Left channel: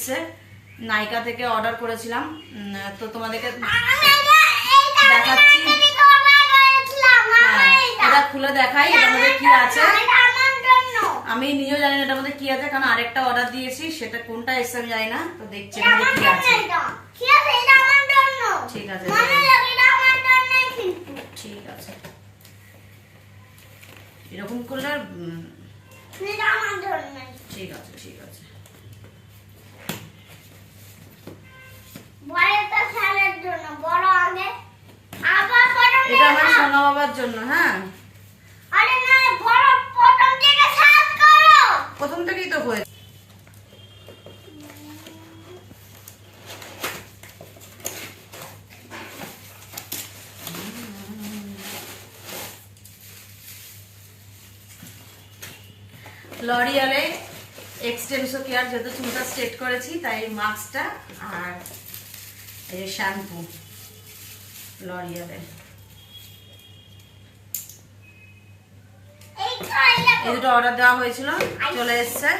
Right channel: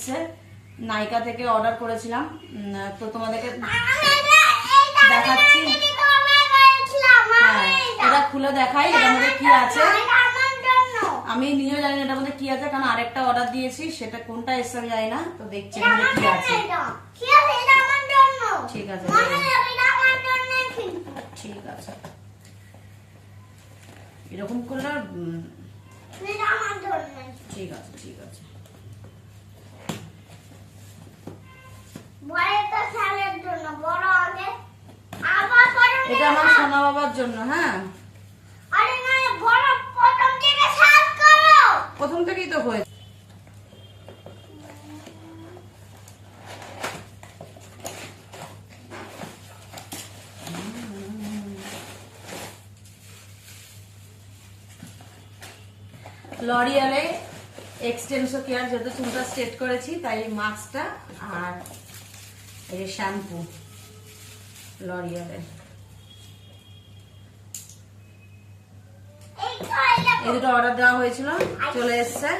এসছে, নাইকা থেকে অর্ডার করেছিলাম, তো তোমাদেরকে দেখাচ্ছি। হ্যাঁ, এটা খুলে দেখাই এটার মধ্যে কি আছে। আমি নিজেও জানি না এটার মধ্যে কি আছে, কারণ আরেকটা অর্ডার দিয়েছি, সেটা কোনটা এসছে আমি জানি না। তো দেখছি এর মধ্যে কি আছে। ঠিক আছে ঠিক আছে, এরকম করলে ঠিক আছে ঠিক আছে। এটা আমার সোনা বাবার জন্য। হ্যাঁ, প্রথম থেকেই তো হয়েছে। লরিয়ালে এক্সটেনসো কেয়ার, যেহেতু চুলটা স্ট্রেট করেছি তাই মাস্কটা আর এই শ্যাম্পু লরিয়ালে। এই দুটো অর্ডার দেওয়া হয়েছিল, চলে এসছে।